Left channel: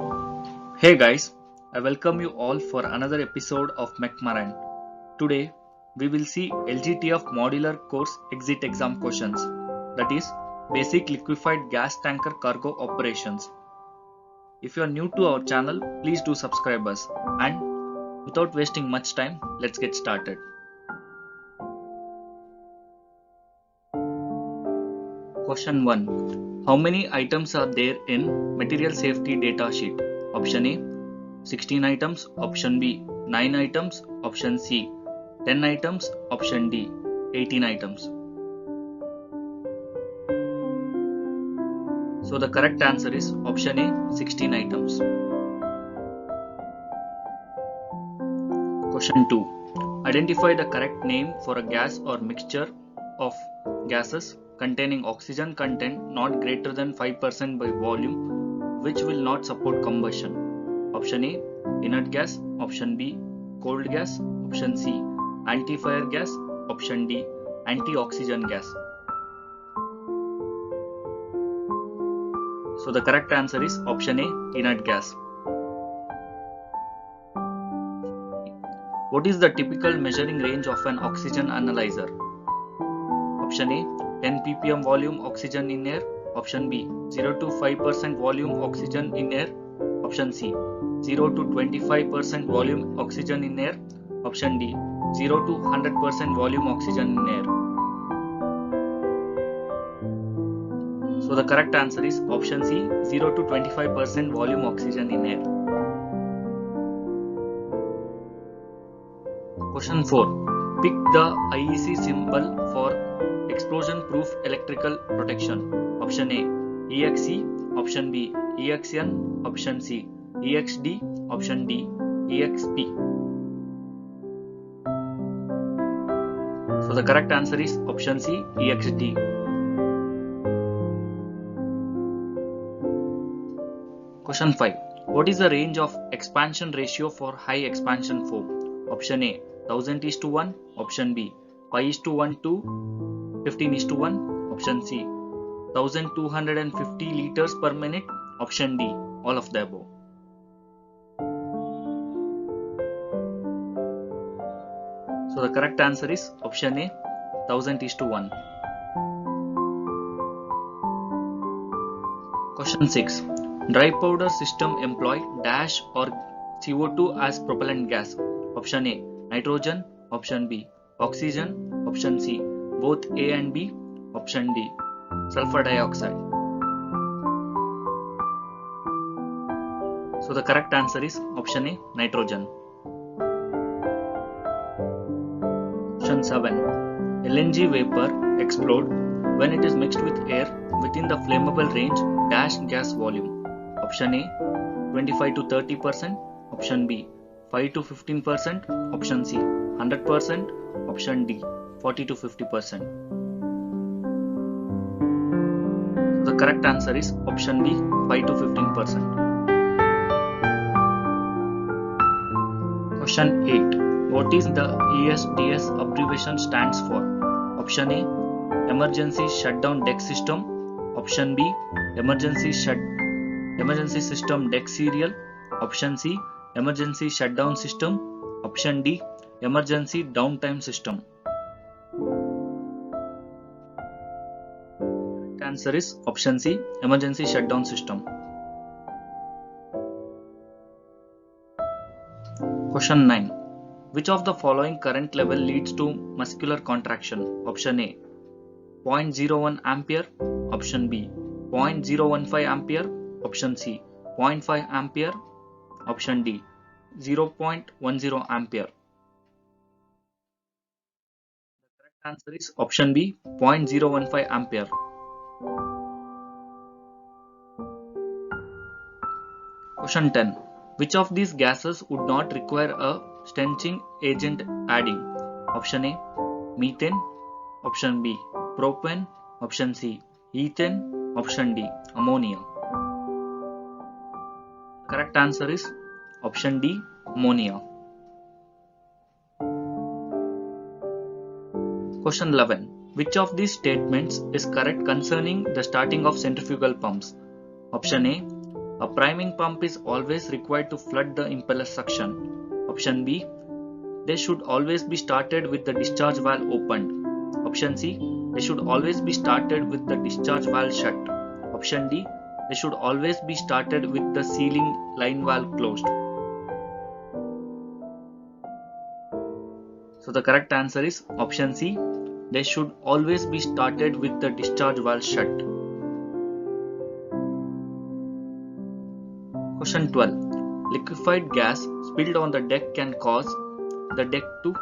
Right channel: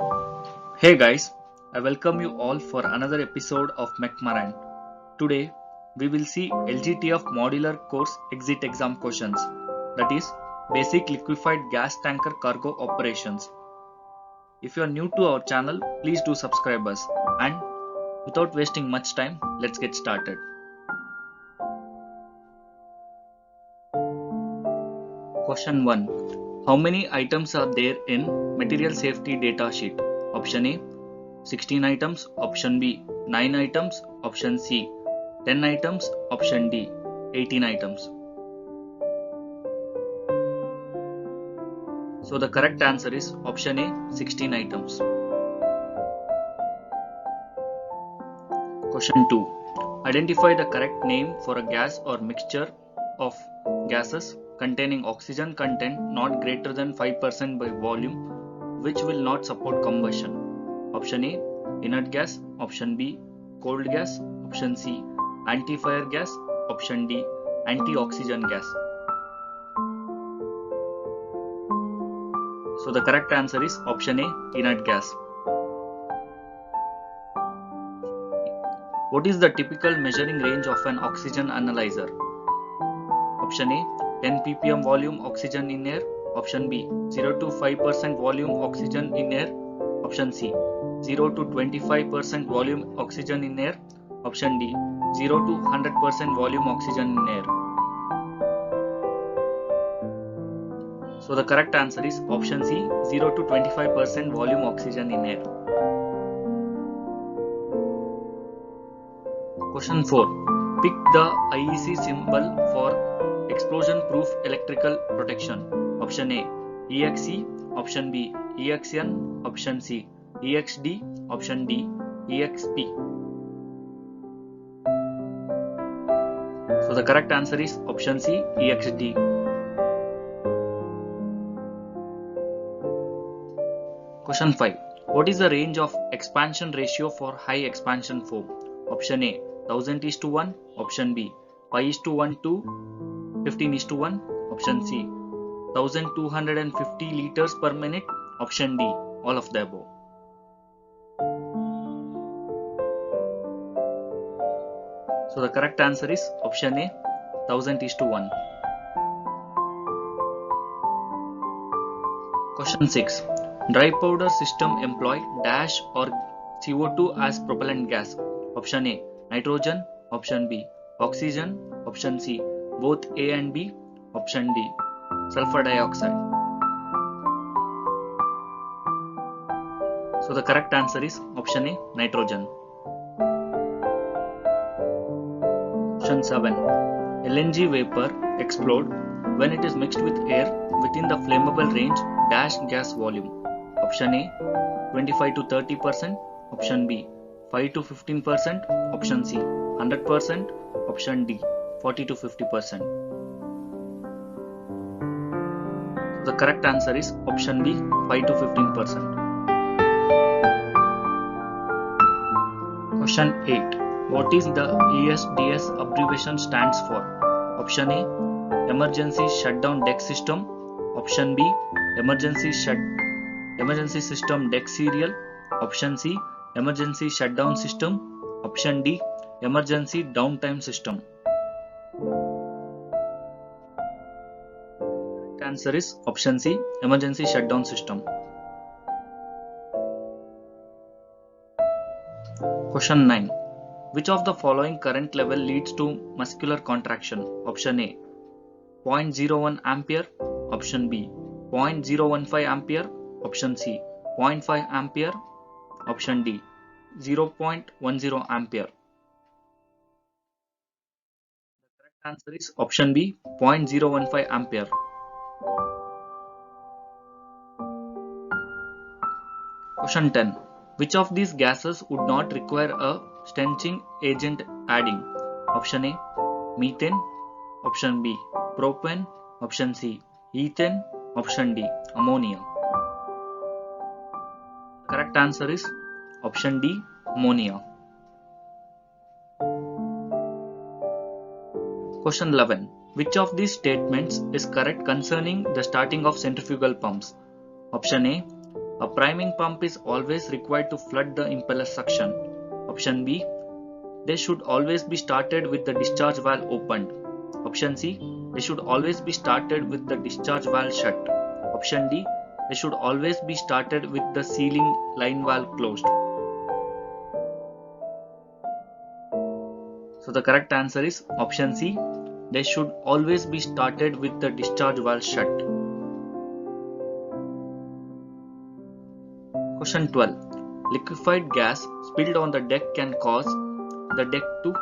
Hey guys, I welcome you all for another episode of McMaran. Today, we will see LGTF Modular Course Exit Exam questions, that is, Basic Liquefied Gas Tanker Cargo Operations. If you are new to our channel, please do subscribe us. And without wasting much time, let's get started. Question 1. How many items are there in Material Safety Data Sheet? Option A 16 items, option B 9 items, option C 10 items, option D 18 items. So the correct answer is option A 16 items. Question 2. Identify the correct name for a gas or mixture of gases containing oxygen content not greater than 5% by volume which will not support combustion. Option A inert gas, option B cold gas, option C anti-fire gas, option D anti-oxygen gas. So the correct answer is option A inert gas. What is the typical measuring range of an oxygen analyzer? Option A 10 ppm volume oxygen in air, option B 0 to 5% volume oxygen in air, option C 0 to 25% volume oxygen in air, option D 0 to 100% volume oxygen in air. So the correct answer is option C 0 to 25% volume oxygen in air. Question 4. Pick the IEC symbol for explosion proof electrical protection. Option A EXE, option B EXN, option C EXD, option D EXP. So the correct answer is option C EXD. Question 5. What is the range of expansion ratio for high expansion foam? Option A 1000:1, option B 5:1 to 15:1, option C 1250 liters per minute, option D all of the above. So the correct answer is option A 1000:1. Question 6. Dry powder system employ dash or CO2 as propellant gas. Option A nitrogen, option B oxygen, option C both A and B, option D sulfur dioxide. So the correct answer is option A nitrogen. Question 7. LNG vapor explode when it is mixed with air within the flammable range dash gas volume. Option A 25 to 30%, option B 5 to 15%, option C 100%, option D 40 to 50%. So the correct answer is option B 5 to 15%. Question 8. What is the ESDS abbreviation stands for? Option A Emergency Shutdown Deck System, option B Emergency System Deck Serial, option C Emergency Shutdown System, option D Emergency Downtime System. The answer is option C Emergency Shutdown System. Question 9. Which of the following current level leads to muscular contraction? Option A 0.01 ampere, option B 0.015 ampere, option C 0.5 ampere, option D 0.10 ampere. The correct answer is option B 0.015 ampere. Question 10. Which of these gases would not require a stenching agent adding? Option A methane, option B propane, option C ethane, option D ammonia. Correct answer is option D ammonia. Question 11. Which of these statements is correct concerning the starting of centrifugal pumps? Option A A priming pump is always required to flood the impeller suction. Option B. They should always be started with the discharge valve opened. Option C. They should always be started with the discharge valve shut. Option D. They should always be started with the sealing line valve closed. So the correct answer is option C. They should always be started with the discharge valve shut. Question 12. Liquefied gas spilled on the deck can cause the deck to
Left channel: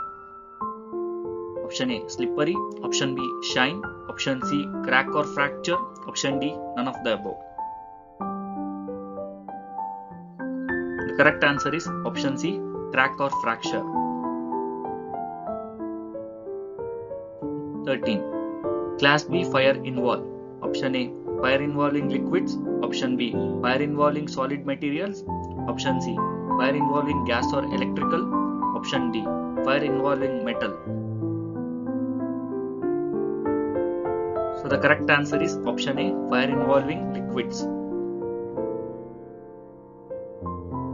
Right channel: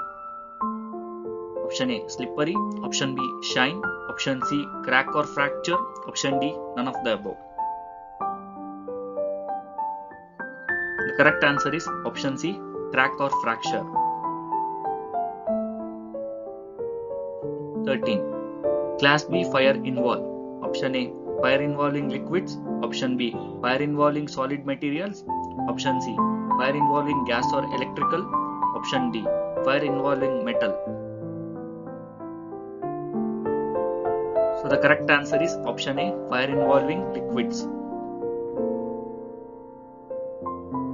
option A. Slippery, option B. Shine, option C. Crack or fracture, option D. None of the above. The correct answer is option C. Crack or fracture. 13. Class B fire involve option A. Fire involving liquids, option B. Fire involving solid materials, option C. Fire involving gas or electrical, option D. Fire involving metal. So the correct answer is option A. Fire involving liquids.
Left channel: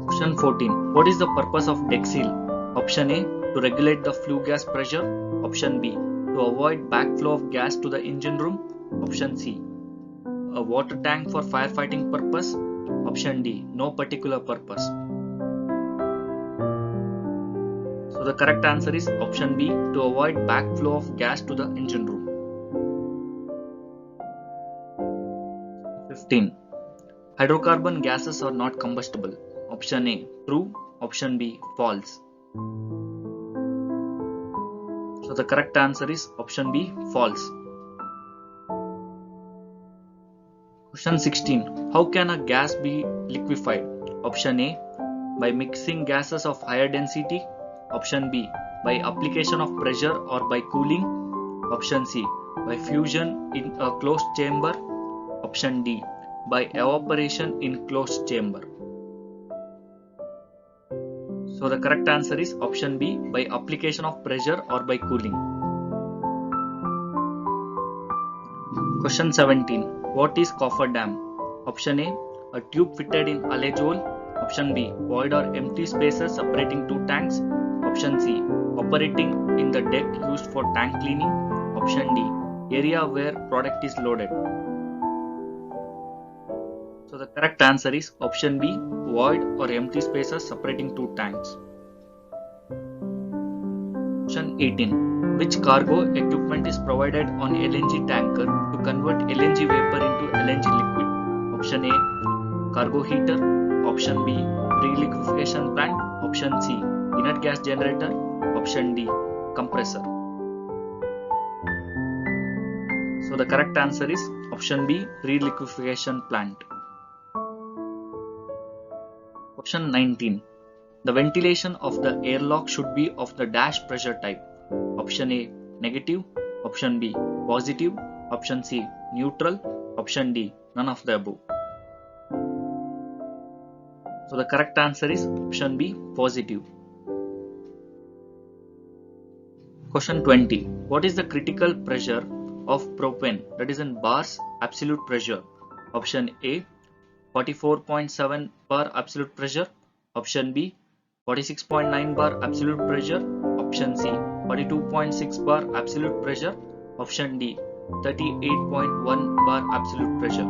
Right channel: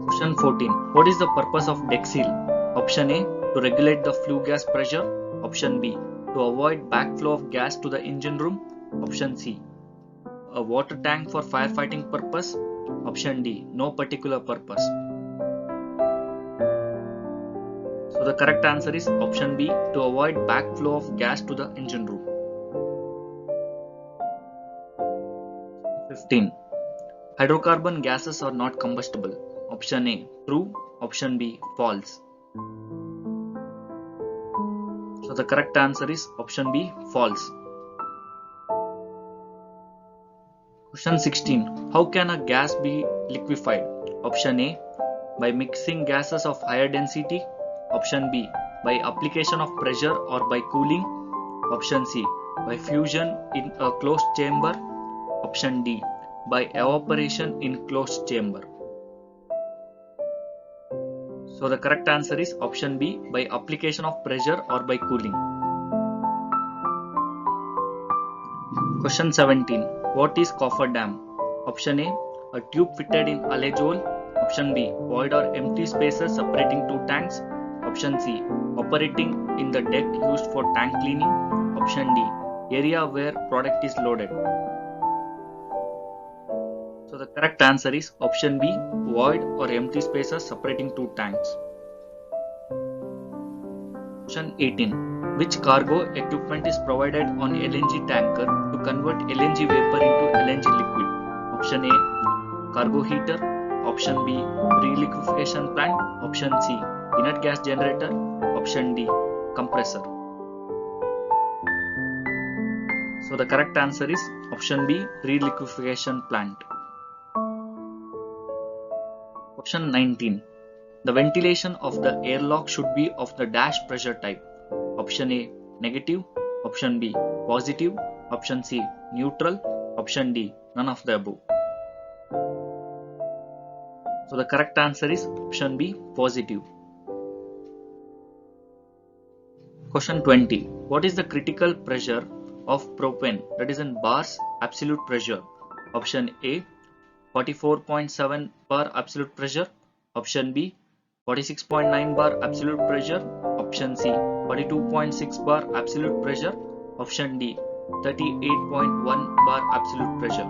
Question 14. What is the purpose of deck seal? Option A. To regulate the flue gas pressure, option B. To avoid backflow of gas to the engine room, option C. A water tank for firefighting purpose, option D. No particular purpose. So the correct answer is option B. To avoid backflow of gas to the engine room. 15. Hydrocarbon gases are not combustible. Option A. True. Option B. False. So the correct answer is option B. False. Question 16. How can a gas be liquefied? Option A. By mixing gases of higher density. Option B. By application of pressure or by cooling. Option C. By fusion in a closed chamber. Option D. By evaporation in closed chamber. So the correct answer is option B. By application of pressure or by cooling. Question 17. What is cofferdam? Option A. A tube fitted in allege hole. Option B. Void or empty spaces separating two tanks. Option C. Operating in the deck used for tank cleaning. Option D. Area where product is loaded. So the correct answer is option B. Void or empty spaces separating two tanks. Question 18. Which cargo equipment is provided on LNG tanker to convert LNG vapor into LNG liquid? Option A. Cargo heater. Option B. Reliquefaction plant. Option C. Inert gas generator. Option D. Compressor. So the correct answer is option B. Reliquefaction plant. Question 19. The ventilation of the airlock should be of the dash pressure type. Option A. Negative. Option B. Positive. Option C. Neutral. Option D. None of the above. So the correct answer is option B. Positive. Question 20. What is the critical pressure of propane, that is in bars absolute pressure? Option A. 44.7 bar absolute pressure. Option B. 46.9 bar absolute pressure. Option C. 42.6 bar absolute pressure. Option D. 38.1 bar absolute pressure.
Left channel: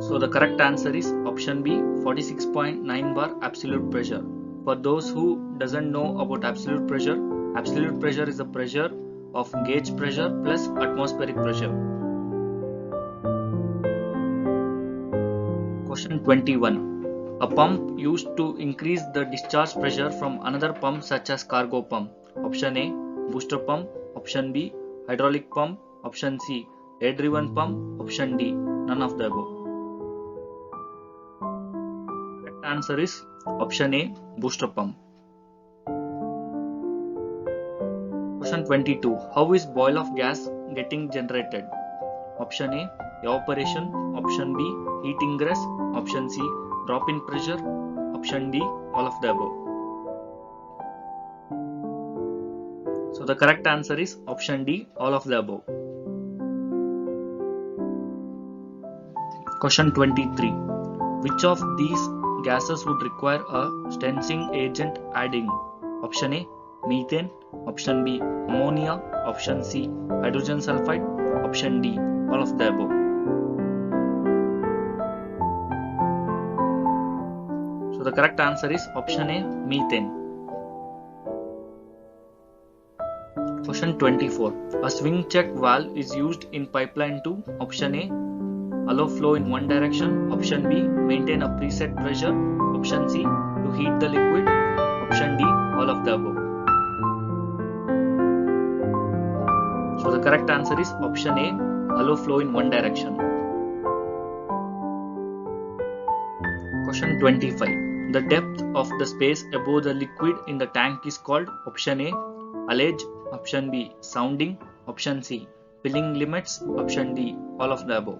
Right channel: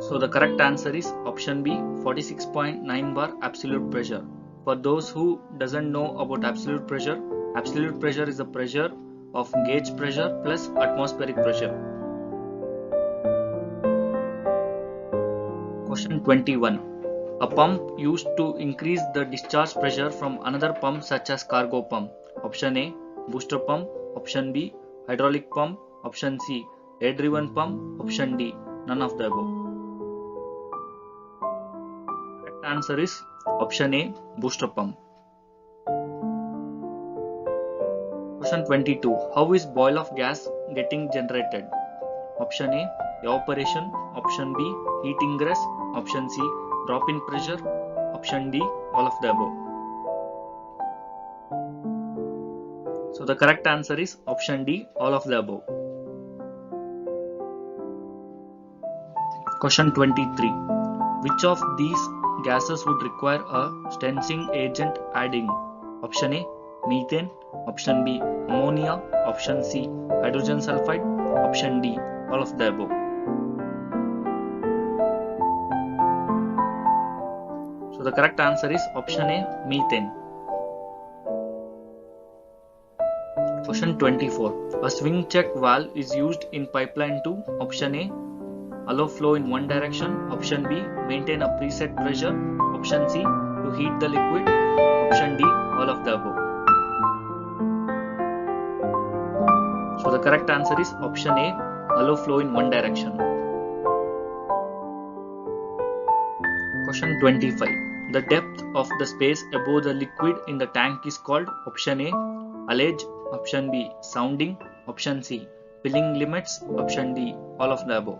So the correct answer is option B. 46.9 bar absolute pressure. For those who doesn't know about absolute pressure is the pressure of gauge pressure plus atmospheric pressure. Question 21. A pump used to increase the discharge pressure from another pump such as cargo pump. Option A. Booster pump. Option B. Hydraulic pump. Option C. Air driven pump. Option D. None of the above. Correct answer is option A. Booster pump. Question 22. How is boil off gas getting generated? Option A. Evaporation. Option B. Heat ingress. Option C. Drop in pressure. Option D. All of the above. So the correct answer is option D. All of the above. Question 23. Which of these gases would require a stencing agent adding? Option A, methane. Option B, ammonia. Option C, hydrogen sulfide. Option D, all of the above. So the correct answer is option A, methane. Question 24. A swing check valve is used in pipeline to option A, allow flow in one direction. Option B, maintain a preset pressure. Option C, to heat the liquid. Option D, all of the above. So the correct answer is option A, allow flow in one direction. Question 25. The depth of the space above the liquid in the tank is called option A, allege. Option B, sounding. Option C, filling limits. Option D, all of the above.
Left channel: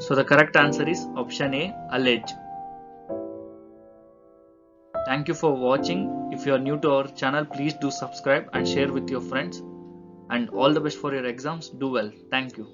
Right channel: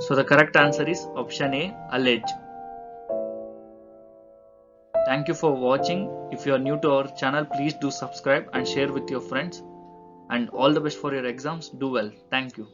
So the correct answer is option A, allege. Thank you for watching. If you are new to our channel, please do subscribe and share with your friends. And all the best for your exams. Do well. Thank you.